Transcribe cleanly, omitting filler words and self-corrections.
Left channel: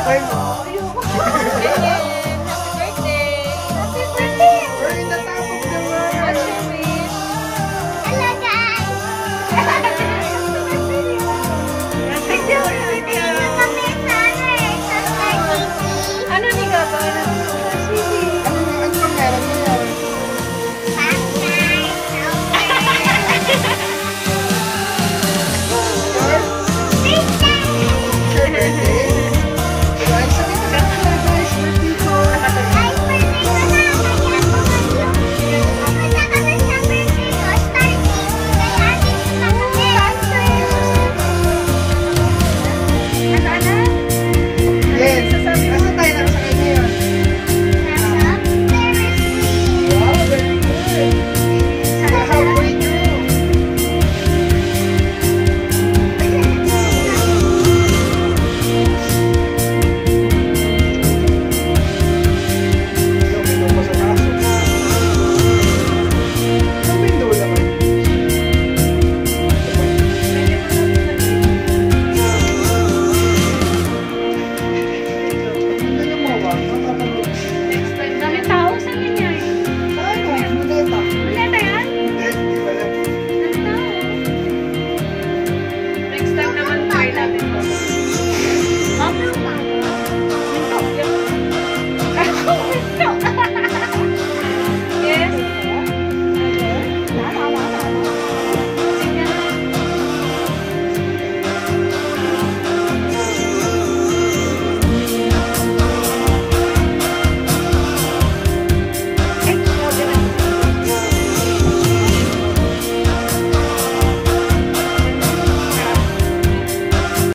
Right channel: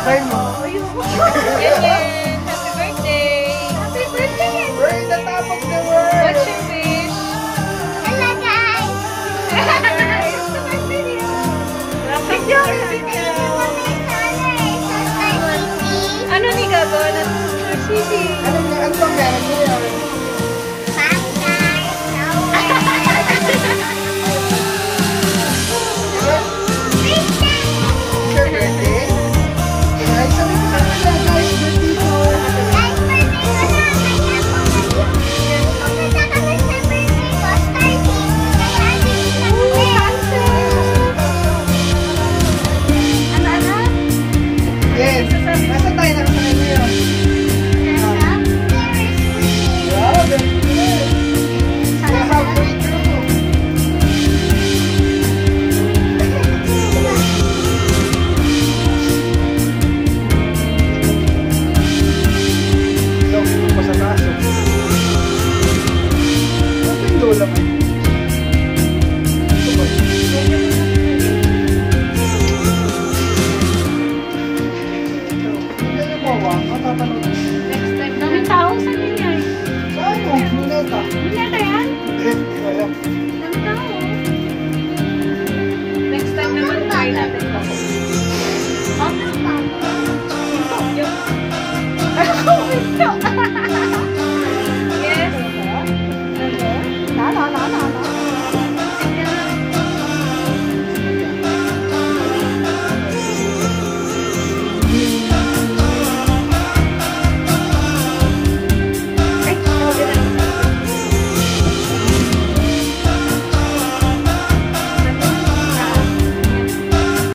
Turn mo. Yan yan. Happy birthday. Happy birthday! We're in the top of the world. What's your wish? Hello guys! Video. Kami sana eh, sa Star City. Ano ni Gabo? Star City. Ano pang meron mo yan? Bye guys! Your birthday? Guys, sabi ko na sila guys. Dito. Guys, birthday ko na! Kaya pumunta kami sa birthday ko, Star City. Kaya dito na kami. Ano? Yes. Nasa tayo na sa kanya yun? Nasa Ferris wheel. Wow, very good. Kaya halfway through. Ikaw pa sa kaso. Ang window lang. Ito ba? Hindi yung mawa. Matapanood. Daming tao sa inyo eh. Sa ano? Luneta. Luneta yan? Hindi ko alam. Daming tao. Next time naman try natin to. Okay.